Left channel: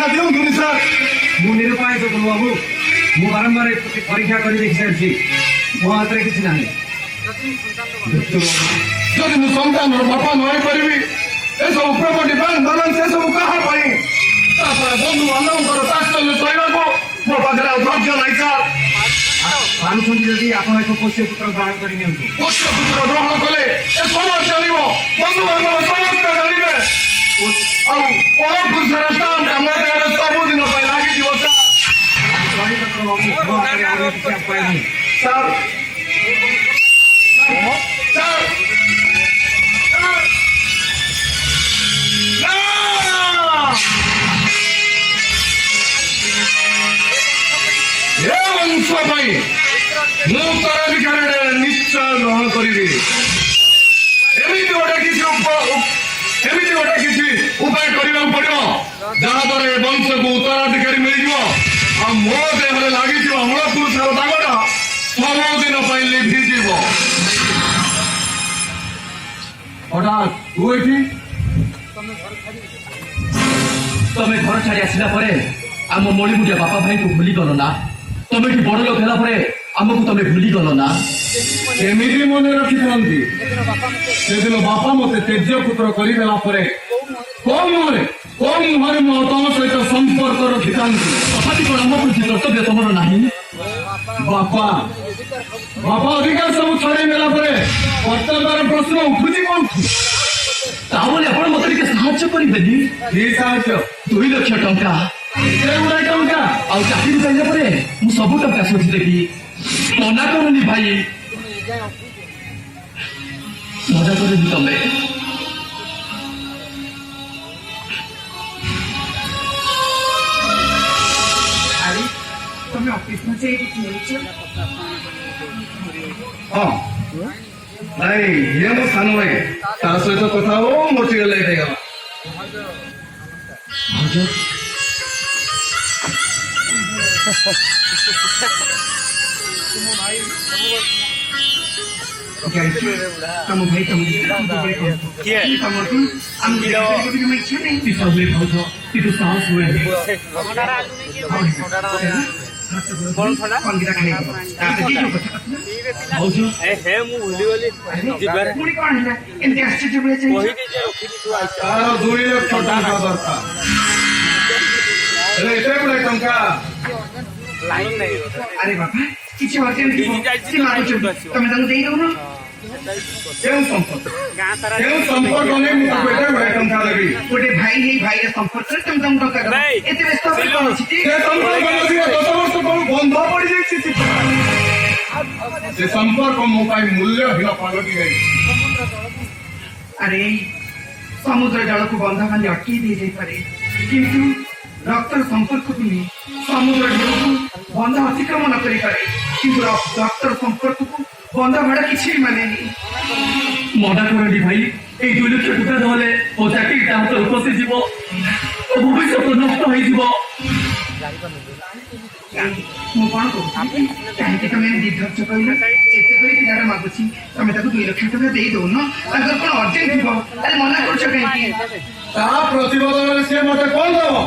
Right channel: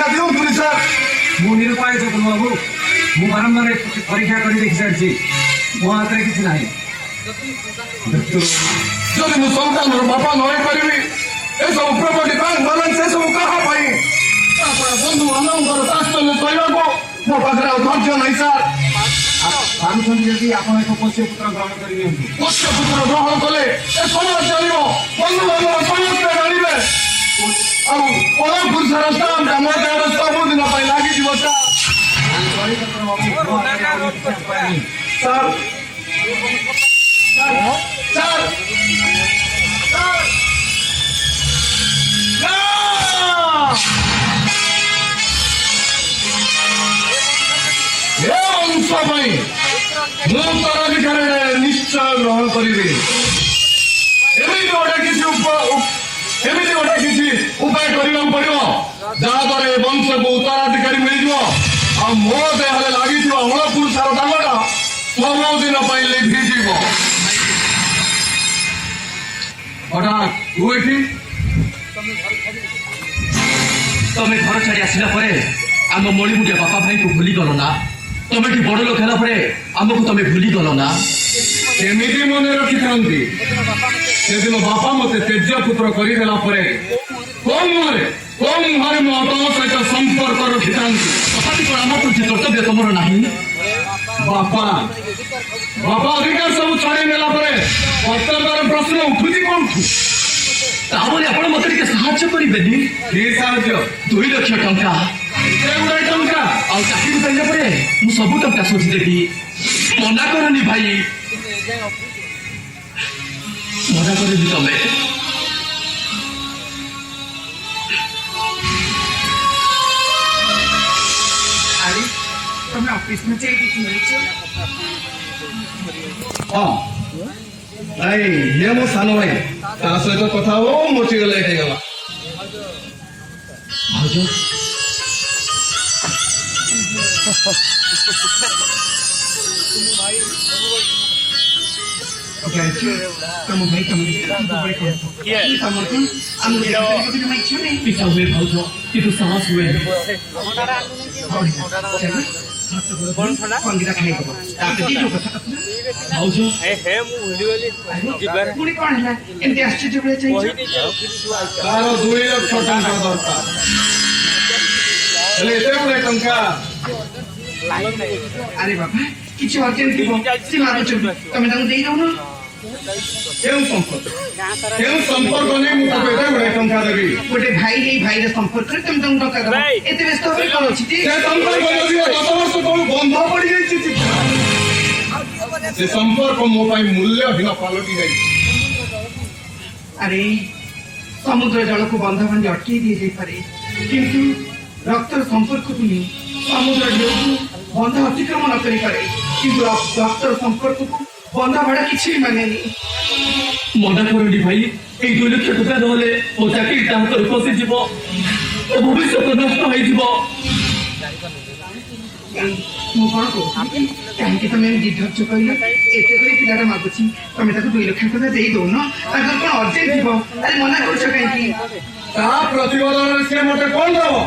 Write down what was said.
सुरक्षा दिउँ सर मु निरुपाय जगन बाबू मु बारंबार परीक्षा कर देखि सारी मो हाथ में किसी नहीं जदि मु संतान बापा नई करी ए सब प्रॉपर्टी बैंक बैलेंस से सब कहा पाई बंधु बांधव तात्सल्य सहवाको मो पाखे धैर्य नहीं सर भानुଛନ୍ତି ଯଦି ଆପଣ ଏକ ପୋଷ୍ୟ ପୁତ୍ର ଗ୍ରହଣ କରି ନିଅନ୍ତୁ। ପୋଷ୍ୟ ପୁତ୍ର ଗ୍ରହଣ କଲେ ଏ ସମାଜ ଜାଣିବ ବନ୍ଧୁ ବାନ୍ଧବ ସମସ୍ତେ ଜାଣିବେ ଆଉ ପରପୁରୁଷର ସ୍ଥାନ ଆମ ଦେହରେ ସବୁଦିନ ପାଇଁ ଲାଗିଯିବ ସାର୍। ସାର୍ ସାର୍ वंश मुतराधिकार निश्चय ग्रहण करी गोटे किसी उपाय करने पड़ो जहाद्वारा वंश को उत्तराधिकारी मिल मो देह लगी अमल पुरुषर दागटा सबुदिन लिभिज हठात तमें घर छाड़ी आसला आम मणिपुरिया बापा भाई को भूली गल ना तुम्हें कि बड़ लोक है आमको तुम्हें भूली गल ना एमती मन रखी था से दिन बापा मत तेजपुत्र करदेला कौन मुहरे मो तुम सहित संपर्क रखी था तथापि कौन आम प्रति कर्तव्य तुम ना बापा बापा अधिकार सब छाड़ी नेला प्रत्याचार प्रश्न उठुची कौन ताबले आपण मत टिके साहाय्य करिबेनी की साहाय्य 2 लाख टंका टंका आ चाकरी पाइले परे मु सब टंका सोची देबी मना करनी भाई मजा करे दी तमे अरे तुम ऑफिस में जाए कि नहीं हां भाई ये मो सानो भाई तार सहित कथा हो मोची लेट हो गला तुम भाई तुम क्या तुम हम देखो कि मैं क्यों नहीं कि सब हुए भाई कि तू साहस हुए कौन थोड़ा कौन गिरा खाने को आप की जो कथा भाउजो हे मु भूली गली जिबार पुणी कौन है एमती आश्चर्य हुए चाहिए तार 2 लाख टंका दरकार अरे एते बड़े टंका अरे बाबा किसी अर्जेंट थी सी मारो तुम तंग दे दो ना केउ संपर्क ने मु ताको एते बड़े टंका देबी गोटे भाई हे भाई रे संपर्क कर तुम तंग टंका दो एते व्यस्त होई कोन अछि से संपर्क बने 10 वर्ष को बंद पड़ी जाई से संपर्क मो पाई मूल्य हिन पलटी गई अरे समुद्र जल को बंधा बांधि अटकी दे जाई पारे किंतु रक्त संपर्क को नहीं समुद्र जल को बंधा अतिक्रमण न करी पारे किंतु रक्त संपर्क को बंधा भाड़ा किछि माने नहीं मना करनी भाई ए 2 लाख टंका नहले ओ चाकरी ता हाथ उपसी जीव ओ भविष्य नष्ट होई जीव मु कौन को कहीं तुम दिग्धर्च कर एते कोई पिलार मागुची तुम ताको 2 लाख टंका दे दो ना अगर कोन अर्जेंट थी अरे मना करछ कहीं ता प्रतिबदन से मते कोन दबो